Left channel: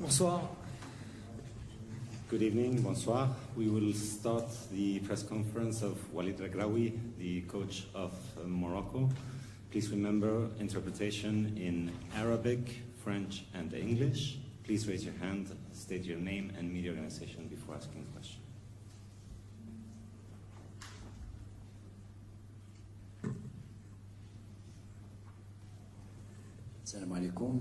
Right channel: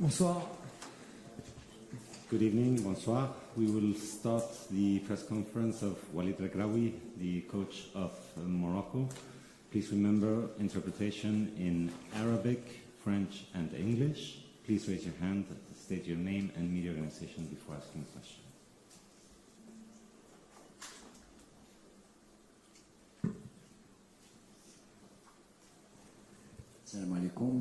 Bonsoir. Good evening, bonsoir. We will start the press conference of Walid Regraoui, the coach of Morocco. Please remember interpretation in Arabic, French and English. Please raise your hand, state your name and media organization before asking a question. السلام عليكم.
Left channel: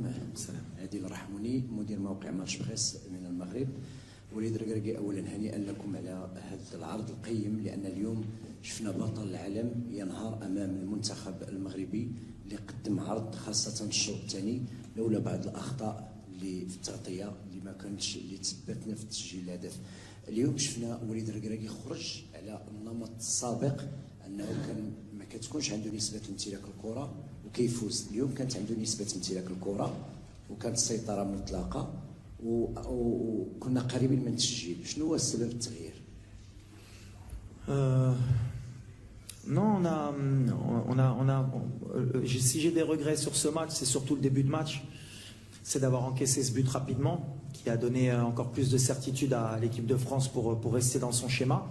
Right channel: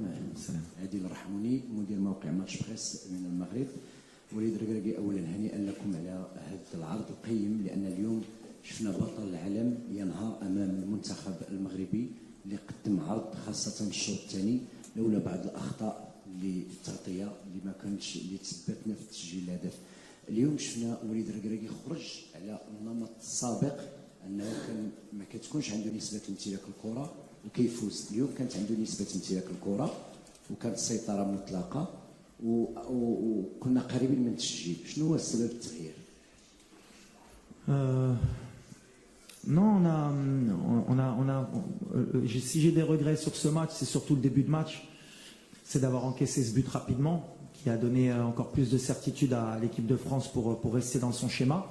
عادل رحموني مدير موقع ماتش بريس من المغرب. وليد ركراكي اولا هنيئا لكم على هذا العرض القيم، لان اليوم شفنا بطل العالم ينهار امام المنتخب المغربي اللي قدم عرض، خاصه الشوط الثاني لولا بعض الاخطاء اللي في التغطيه اللي ما كانتش اللي تثبتنا في تسجيل الهدف. اليوم شفنا وليد ركراكي خرج على النمط السابق، انه كان ما كتكونش عنده نسبه امتلاك الكره وكيفوز. اليوم كانت عنده نسبه امتلاك الكره وكانت السيطره مطلقه وكنا قريبين من التسجيل. شنو هو السبب التغيير؟ Non, si j'ai des regrets sur ce match, c'est surtout le début de match. C'est d'avoir encaissé ce but rapidement, qui a donné encore plus de certitude à l'équipe de France pour rester dans son schéma.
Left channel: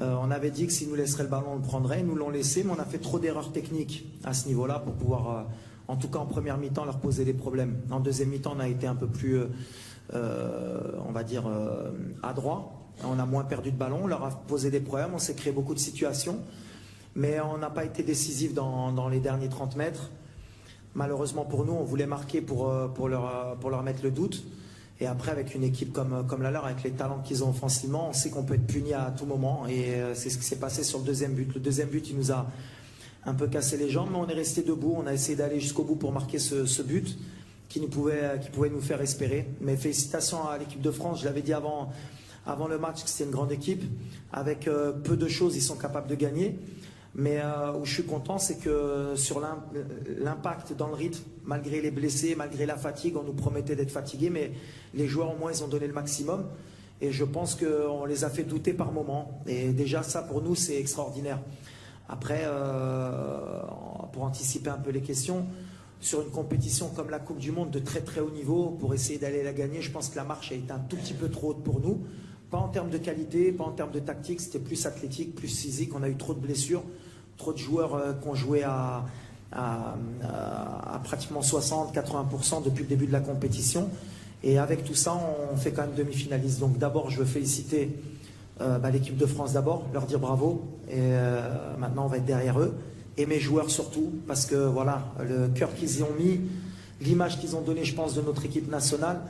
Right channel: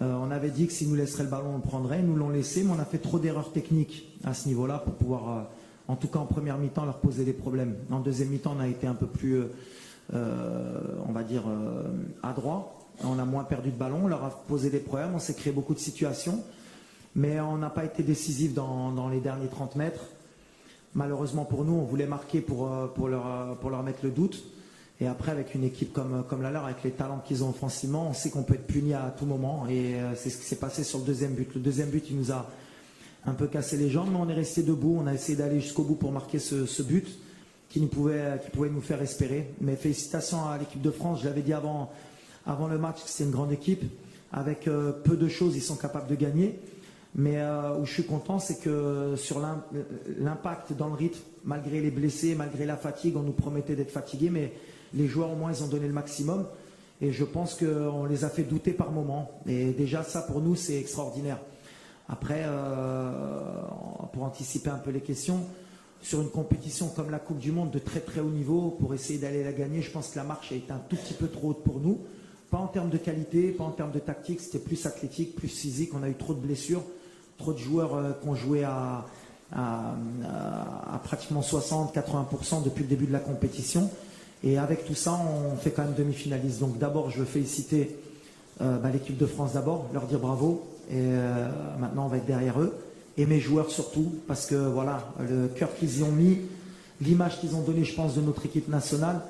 On avait dit que s'ils nous laisseraient le ballon, on le prendrait. Ils nous l'ont laissé, mais on a fait trop d'erreurs techniques à ce niveau-là pour pouvoir, en tout cas en première mi-temps, leur poser des problèmes. En deuxième mi-temps, on a été un peu plus, on va dire, adroit. On a moins perdu de ballon, on leur a posé des problèmes, on s'est créé beaucoup de situations. Mais on n'a pas été décisif dans les derniers 30 mètres. Malheureusement pour nous, on voulait marquer pour leur mettre le doute. Et après, avec une équipe comme la leur, avec les talents qu'ils ont offensivement, on sait qu'on peut être puni à tout moment. Et c'est ce qui s'est passé sur le deuxième but. Le deuxième but, il nous a un peu cassé les jambes, mais on est resté debout. On a essayé d'aller jusqu'au bout pour marquer ce but qui pouvait nous faire espérer. Mais félicitations à l'équipe de France. Je l'avais dit avant le match que c'était une grande équipe. Avec peu de choses, ils sont capables de gagner. Mais où je suis content, c'est que sur l'impact dans le rythme, malgré les blessés, malgré la fatigue, on nous promettait d'être fatigués, mais les joueurs au moins ils ont donné le maximum. Et je pense qu'on les a fait douter par moments. Et déjà ça pour nous c'est extraordinaire. Après, pour anticiper un peu les questions, sur une compétition comme la Coupe du Monde de très très haut niveau, pour essayer d'aller la gagner, je pense que la marche a été un tout petit peu trop haute pour nous. Pas en termes de qualité, pas en termes de tactique, c'était plus athlétique, plus physique. On a eu trop de blessures, trop de joueurs qui ont joué à pratiquement 60-80% depuis le début de la compétition. Et avec tout ça, on fait quand même demi-finaliste. Donc d'abord, je veux féliciter l'équipe de France d'abord, leur dire bravo. Et maintenant, on va être derrière eux. Et mes joueurs surtout, parce que voilà, le cœur qu'ils y ont mis, l'image qu'ils ont donnée, je pense, de notre équipe nationale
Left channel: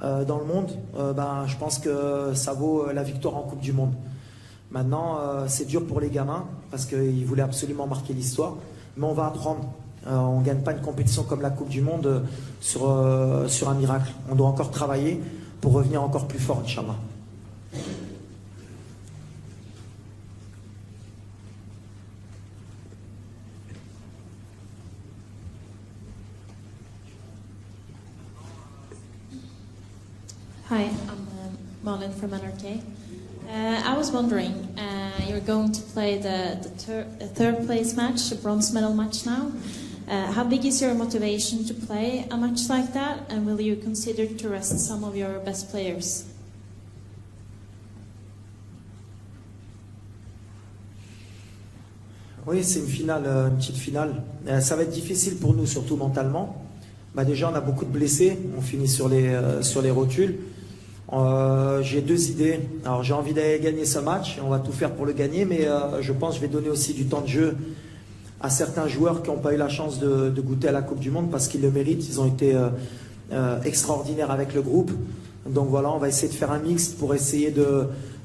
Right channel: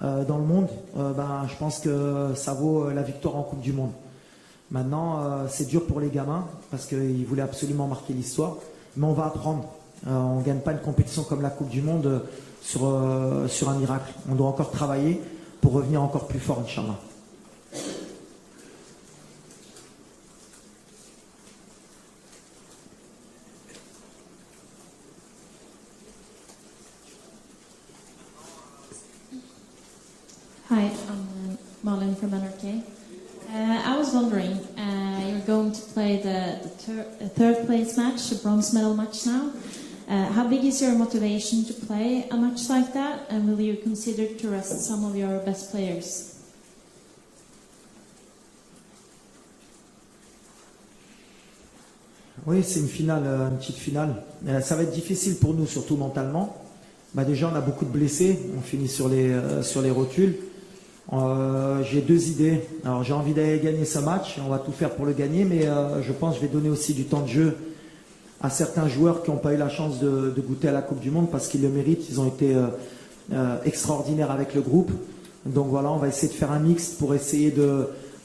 dans le monde, je pense que ça vaut la victoire en Coupe du Monde. Maintenant, c'est dur pour les gamins, parce qu'ils voulaient absolument marquer l'histoire. Mais on va apprendre. On ne gagne pas une compétition comme la Coupe du Monde sur un miracle. On doit encore travailler pour revenir encore plus fort, Inch'Allah. Hi, I'm Marlon from NRK. I was wondering, you're going to play the third place match, the bronze medal match now. How big is your motivation to play a match like that, and will you consider to rest some of your best players? Oui, c'est une finale, une petite finale. Ça va être difficile pour nous, surtout mentalement. Déjà, on a beaucoup de blessés. On finit sur les rotules. J'ai deux idées. Alors, j'ai envie d'aller gagner ce match. On va tout faire pour le gagner, mais je pense que je vais donner aussi du temps de jeu à certains joueurs qui n'ont pas eu la chance de goûter à la Coupe du Monde parce qu'ils le méritent. Ils ont été extraordinaires avec le groupe. Donc voilà, on va essayer de faire un mix pour essayer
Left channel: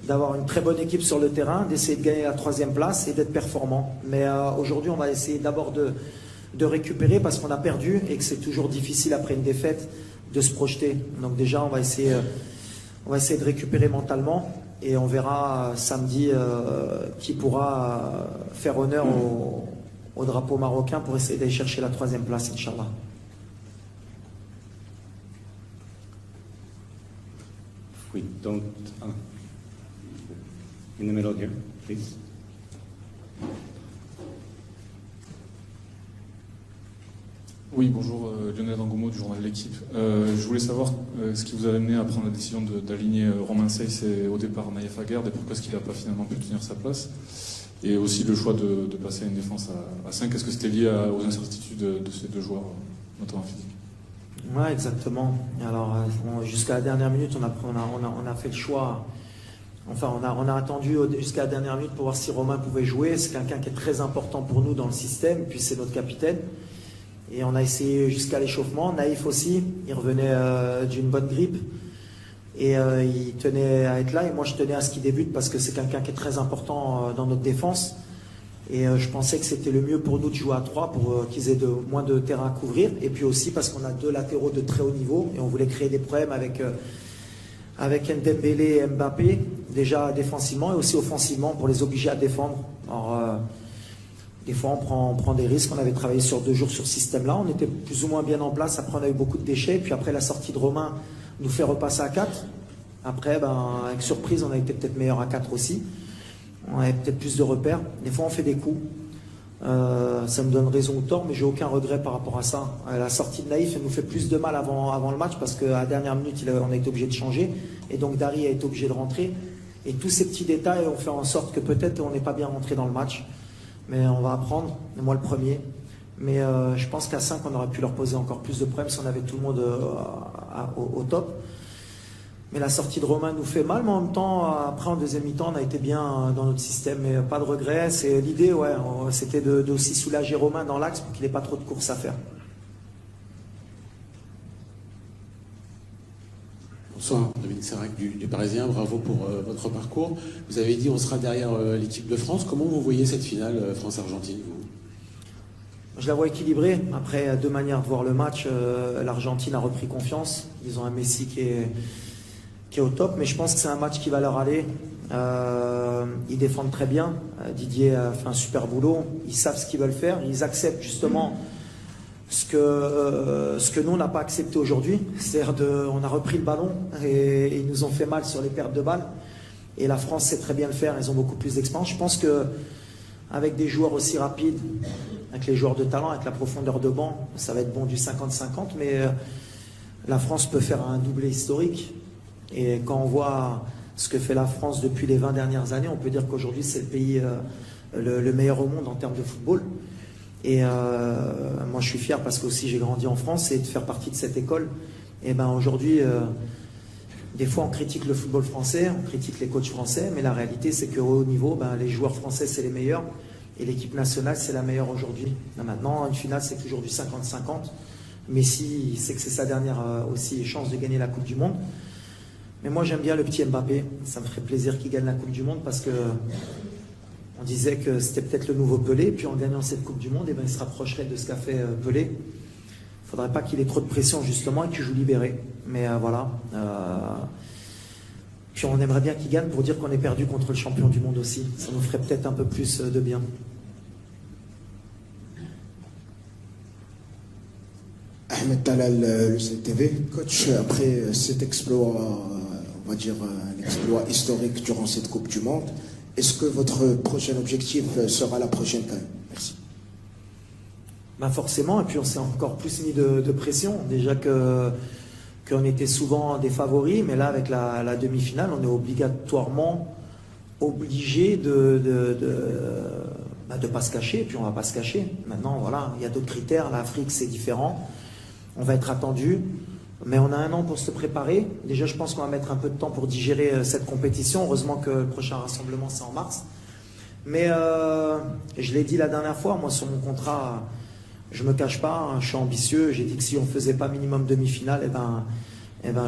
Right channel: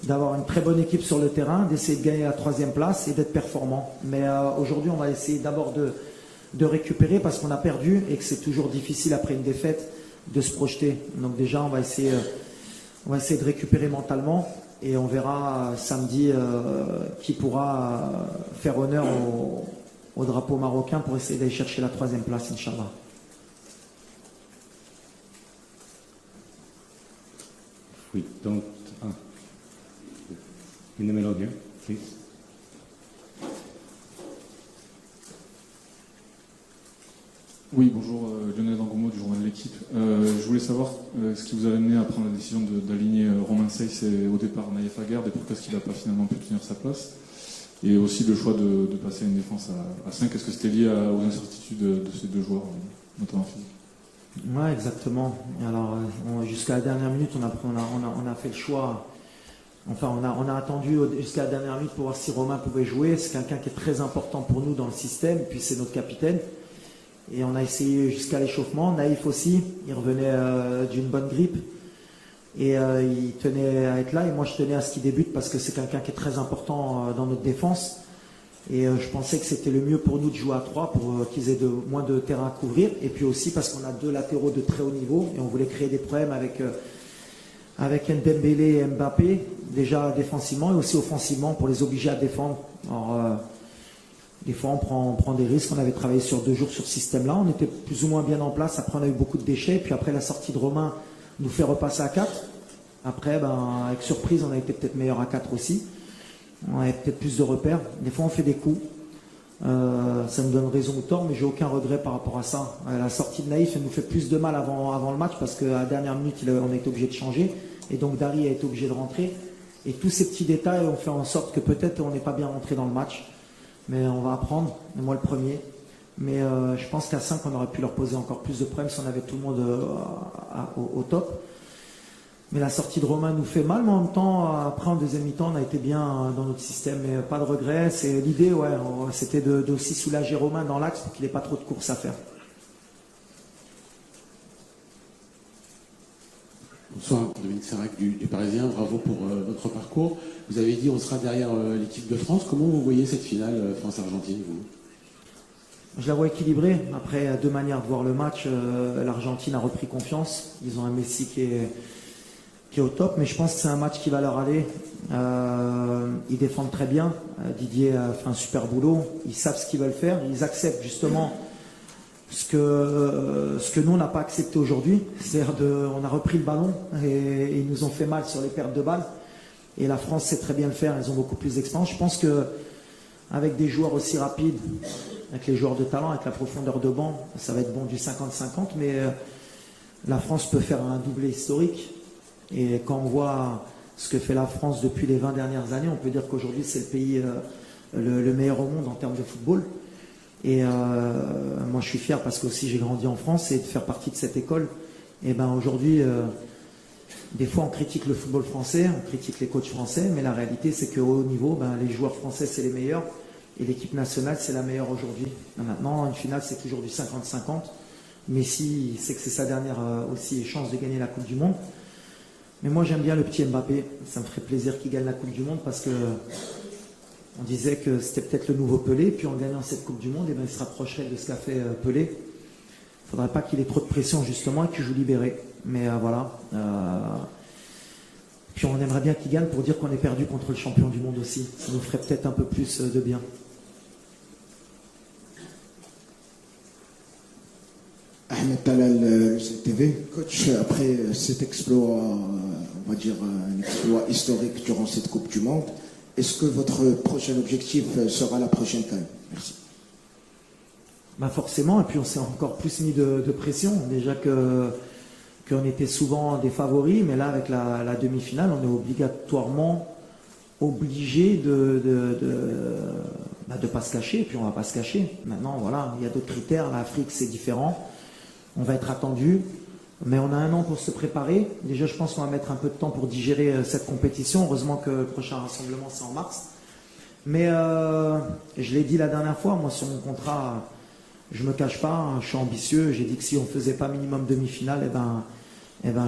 d'avoir une très bonne équipe sur le terrain, d'essayer de gagner la 3e place et d'être performant. Mais aujourd'hui, on va essayer d'abord de récupérer parce qu'on a perdu et que c'est toujours difficile après une défaite de se projeter. Donc déjà, on va essayer de récupérer mentalement et on verra samedi qui pourra faire honneur au drapeau marocain pour essayer d'aller chercher la 3e place, Inch'Allah. We don't... in the middle here, please. Oui, bonjour, Lionel Dangomo du journal L'Équipe. Je voulais savoir ce qui vous a amené à prendre la décision d'aligner Romain Saiss et au départ Naïef Aguerd, et pourquoi est-ce qu'il n'a pas finalement pu tenir sa place. Et aussi le choix de passer à une défense à 5. Est-ce que c'était lié aux incertitudes de ces deux joueurs, notamment physiques? Ouais, exactement. Alors, jusqu'à la dernière minute, on a fait le choix. Enfin, on a attendu jusqu'à la dernière minute pour voir si Romain pouvait jouer. C'est quelqu'un qui est très important pour nous dans le système, puis c'est notre capitaine. Et on a essayé jusqu'à l'échauffement. Naïf aussi, il revenait d'une bonne grippe. Et il tenait à être là. Et moi, je tenais à ce qu'il débute parce que c'est quelqu'un qui est très important dans notre défense. Et je pensais que c'était le mieux pour nous de jouer à 3 pour qu'ils aient moins de terrain à couvrir. Et puis aussi parce qu'on a 2 latéraux de très haut niveau. Et on voulait créer des problèmes avec Ndembélé et Mbappé, déjà défensivement et aussi offensivement pour les obliger à défendre. Alors, des fois, on prend des risques. On avait travaillé sur 2 jours sur ce système-là. On était plus ou moins bien en place. Après, on a eu beaucoup de déchets. Puis après, la sortie de Romain nous fait repasser à 4. Après, avec surprise, on a été peut-être meilleur à 4 aussi. On avait peut-être plus de repères. Des fois, on fait des coups. Ça me donne raison ou tort, mais j'ai aucun regret par rapport à ça. La sortie de Naïf, elle nous fait plus de mal avant le match parce qu'à la dernière minute, on a été obligé de changer. Et donc, Dari a été obligé de rentrer. Et tous ces petits détails ont fait en sorte que peut-être on n'est pas bien rentré dans le match. Mais on va apprendre. Et moi, le premier. Mais je pense qu'à 5, on aurait pu leur poser encore plus de problèmes si on avait tout le monde au top. Mais la sortie de Romain nous fait mal, mais en même temps, après en deuxième mi-temps, on a été bien dans notre système, mais pas de regret. C'est l'idée, ouais, c'était d'aussi soulager Romain dans l'axe pour qu'il n'ait pas trop de courses à faire. Bonsoir, Dominique Serac du Parisien, bravo pour votre parcours. Vous avez dit on sera derrière l'équipe de France. Comment vous voyez cette finale France-Argentine, vous ? Je la vois équilibrée. Après, 2 manières de voir le match. L'Argentine a repris confiance. Ils ont un Messi qui est au top, mais je pense que c'est un match qui va leur aller. Ils défendent très bien. Didier a fait un super boulot. Ils savent ce qu'ils veulent faire. Ils acceptent justement ce que nous, on n'a pas accepté aujourd'hui. C'est-à-dire on a repris le ballon et ils nous ont fait mal sur les pertes de balles. Et la France sait très bien le faire. Ils ont beaucoup plus d'expérience. Je pense qu'avec des joueurs aussi rapides, avec les joueurs de talent, avec la profondeur de banc, ça va être bon du 50-50. Mais la France peut faire un doublé historique. Et quand on voit ce que fait la France depuis les 20 dernières années, on peut dire qu'aujourd'hui c'est le pays le meilleur au monde en termes de football. Et moi je suis fier parce que aussi j'ai grandi en France et de faire partie de cette école. Et ben aujourd'hui, des fois on critique le football français, on critique les coachs français, mais la réalité c'est qu'au haut niveau, les joueurs français c'est les meilleurs et l'équipe nationale c'est la meilleure aujourd'hui. Maintenant une finale c'est toujours du 50-50. Messi sait que c'est sa dernière aussi chance de gagner la Coupe du Monde. Mais moi j'aime bien le petit Mbappé, ça me ferait plaisir qu'il gagne la Coupe du Monde parce que on disait que c'était peut-être le nouveau Pelé, puis en gagnant cette Coupe du Monde, il se rapprocherait de ce qu'a fait Pelé. Il ne faudrait pas qu'il ait trop de pression justement et qu'il joue libéré. Mais voilà. Puis on aimerait bien qu'il gagne pour dire qu'on est perdu contre le champion du monde aussi. Ça nous ferait peut-être un peu plus de bien. Ahmed Talal, CTV. Coach, après cet exploit, on va dire un exploit historique durant cette Coupe du Monde, est-ce que votre prochain objectif sera la prochaine CAN? Merci. Forcément, et puis on s'est encore plus mis de pression. Déjà qu'on était souvent des favoris, mais là avec la demi-finale, on est obligatoirement obligé de pas se cacher, et puis on ne va pas se cacher. Maintenant, voilà, il y a d'autres critères. L'Afrique, c'est différent. On va être attendu, mais on a 1 an pour se préparer. Déjà, je pense qu'on va mettre un peu de temps pour digérer cette compétition. Heureusement que le prochain rassemblement, c'est en mars. Mais je l'ai dit la dernière fois, moi, sur mon contrat, je ne me cache pas, je suis ambitieux. J'ai dit que si on ne faisait pas minimum demi-finale,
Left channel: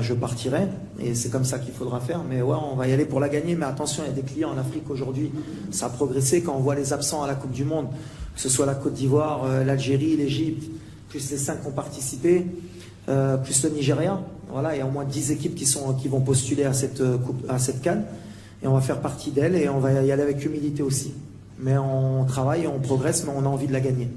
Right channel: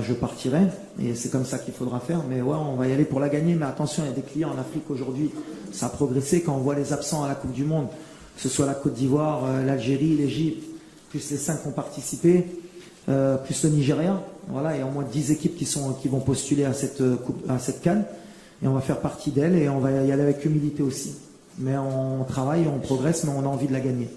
je partirais. Et c'est comme ça qu'il faudra faire. Mais ouais, on va y aller pour la gagner. Mais attention, il y a des clients en Afrique aujourd'hui. Ça a progressé quand on voit les absents à la Coupe du Monde, que ce soit la Côte d'Ivoire, l'Algérie, l'Égypte, plus les 5 qui ont participé, plus le Nigeria. Voilà, il y a au moins 10 équipes qui vont postuler à cette CAN. Et on va faire partie d'elle et on va y aller avec humilité aussi. Mais on travaille, on progresse, mais on a envie de la gagner.